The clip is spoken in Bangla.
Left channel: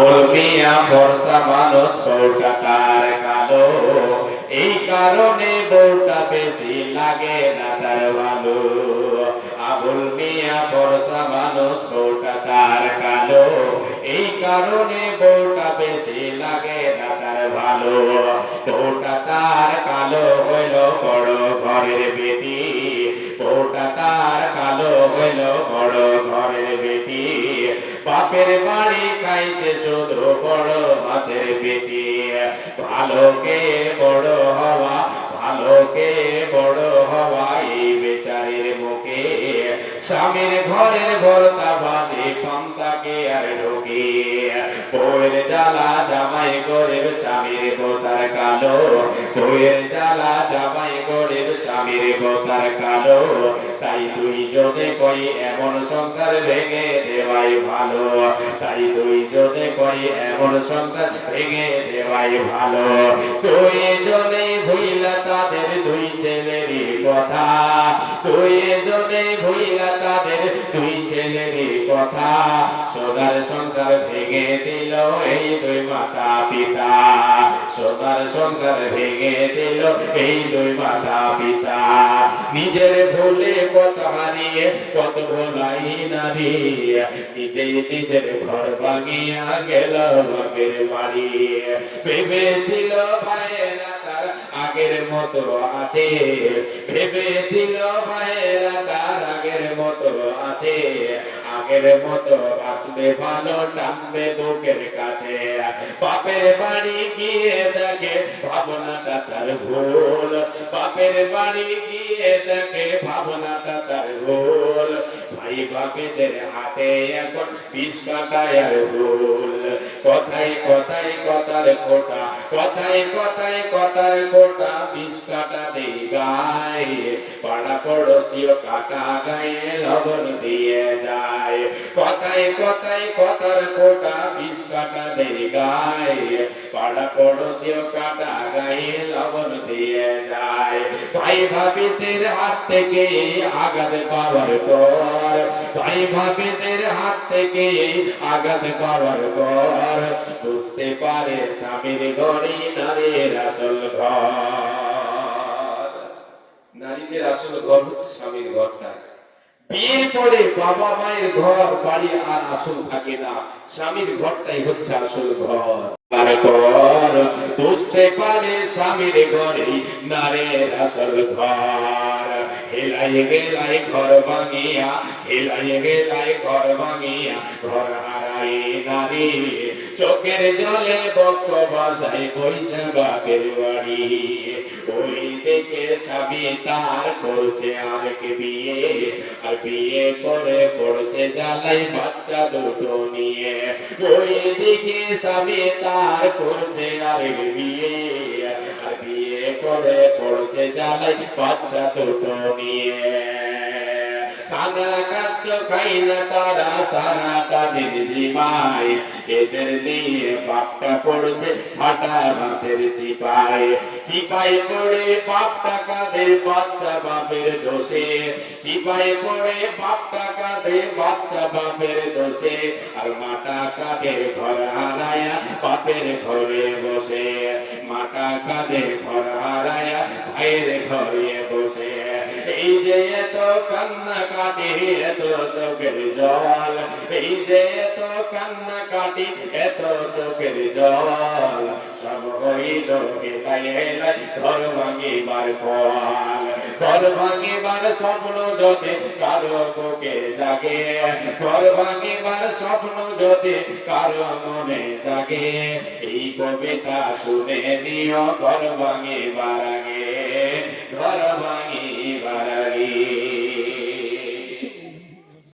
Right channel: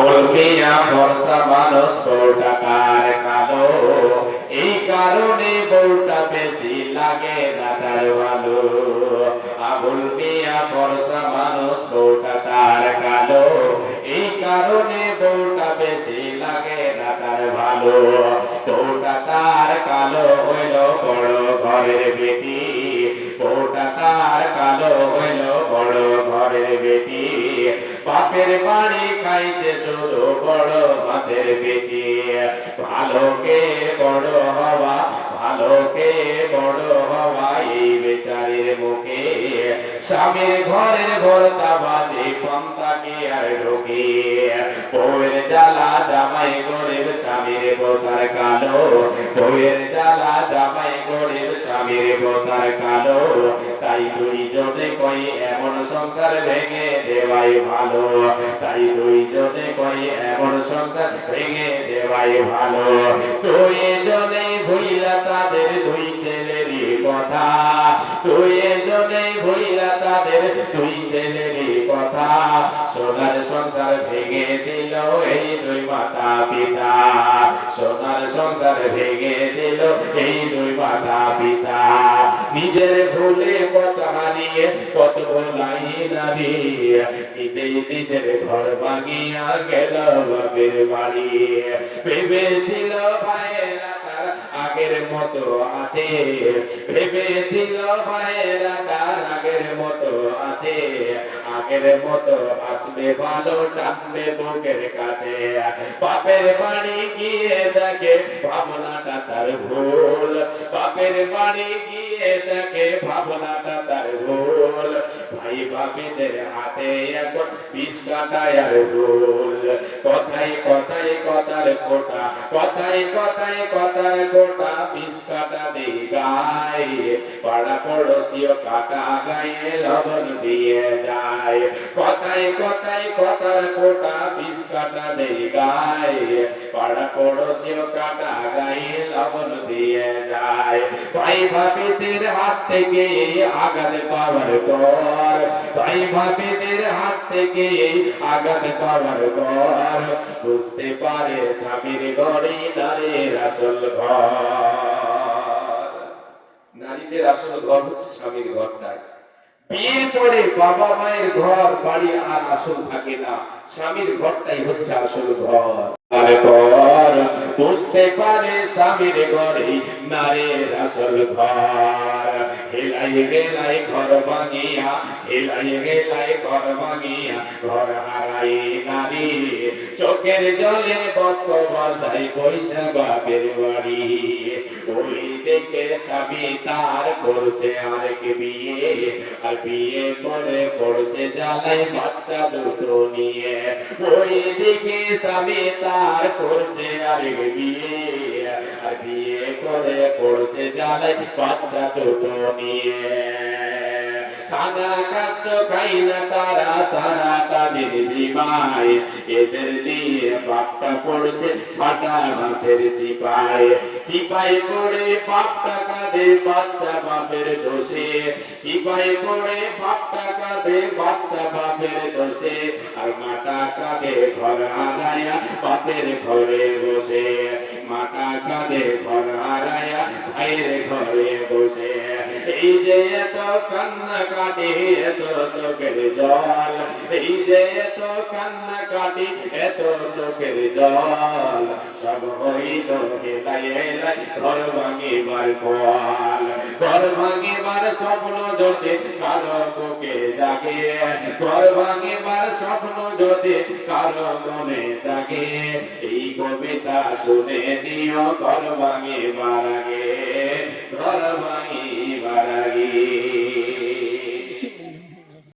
আবুল মিয়া ফর্সা মানুষ বউটা তার কালো, এই কারণে বউটা বেশি লাগে না তার ভালো। আবুল মিয়া ফর্সা মানুষ বউটা তার কালো, এই কারণে বউটা বেশি লাগে না তার ভালো। বউটা তার কালো হইল বড় ঘরের বেটি, বউটা তার কালো হইল বড় ঘরের বেটি, বাপের বাড়ি খাইছে শুধু বড় মাছের পেটি। ভালোকে বড় হওয়া, ভালোকে বড় হওয়া এই বেচারের মুখে, স্বামীর ঘরের ঘরটা বাজে পন্থাকে আর ঢোকে। বউয়ের জ্বালা জামাই গরিব, স্বামীর বোতার কালো, বউয়ের জ্বালা জামাই গরিব, স্বামীর বোতার কালো। তাই দুইজনে কই এমন সংসার ভেঙে দেওয়াই ভালো, তাই দুইজনে কই এমন সংসার ভেঙে দেওয়াই ভালো। দুইজনে ভুইলা তাদের দুই ছেলেরই কথা, দুইজনে ভুইলা তাদের দুই ছেলেরই কথা, সোনার সংসার ভেঙে দিল এই দুই মাতা পিতা, সোনার সংসার ভেঙে দিল এই দুই মাতা পিতা। নিজের ভুলে কত হারিয়ে কত ভোলাই নারী, নিজেই নিজের ঘর ভাঙিয়া গেল বাপের বাড়ি। ভেবেছিল ভাইয়েরা তার আগের মতো আছে, ভেবেছিল ভাইয়েরা তার আগের মতো আছে, আগের মতো আসবে ভালো টানবে বুকের কাছে। বাপের বাড়ি গিয়ে দেখে ভাবনাটা তার ভুল, বাপের বাড়ি গিয়ে দেখে ভাবনাটা তার ভুল। ভাই বাপেদের হাতে এখন বিষ কাটায় আর ভুল, কথায় কথায় কথার কোটা, কথায় কথায় কথায় কোটা, বিষ কাটা দেই গায়ে, পাড়া পড়োশিও কাটা গায়ে লবণ দিয়ে যায়। কথায় কথায় কথার কোটা, বিষ কাটা দেই গায়ে, পাড়া পড়োশিও কাটা গায়ে লবণ দিয়ে যায়। ভাই ভাবিদের হাত থেকে আঘাত পাওয়ার পর, ভাই ভাবিদের হাত থেকে আঘাত পাওয়ার পর, বুঝতে পারে স্বামীর ঘরই নারীর আসল ঘর। নারীদের আসল ঘর হচ্ছে স্বামীর ঘরটা। বিয়ে করে বাবা মায়ের ঘর বাড়ি আর আসল থাকে না, স্বামীর ঘরটাই হচ্ছে আসল ঘর। আর ঘর বুঝতে পারে স্বামীর ঘরেই নারীর আসল ঘর। হেলাই গেলাই ঘর ভাঙিয়া, হেলাই গেলাই ঘর ভাঙিয়া, ঘর হারাই নারী, চোখের জলে বক্ষ বসাই বইছে বাপের বাড়ি। ওই দেখে স্বামী তার করছে আরেক বিয়ে, আর বিয়ে করে পড়ছে জ্বালায় বাচ্চা দুটো নিয়ে। ওই দিকে স্বামী তার করছে আরেক বিয়ে, আর বিয়ে করে পড়ছে জ্বালায় বাচ্চা দুটো নিয়ে। খানা খাদ্য খাই না তারা সারা তাদের জিমায়, এদের দিয়ে বাপটা পড়ছে ফাটা মাছের চিপায়। চিপায় পড়ে বাপটা কাঁদে বাচ্চা বাপের দোষে, চিপায় পড়ে বাপটা কাঁদে বাচ্চা বাপের দোষে, আর মাটা কাঁদে ঘর হারায়া বাপের ঘরে বসে, মাটা কাঁদে ঘর হারায়া ভাইয়ের ঘরে বসে। এই যে এত কান্না কাটি এত চোখের জল, এই যে এত কান্না কাটি এত চোখের জল, সব হইল হেলাই হেলাই ঘর ভাঙিবার ফল। ঘর ভাঙিবার স্বপ্ন যদি কারো বুকে জাগে, ঘর ভাঙিবার স্বপ্ন যদি কারো মনে জাগে, এই কবিতা শুনে নিও ঘর ভাঙিবার আগে, ঘর ভাঙিবার আগে।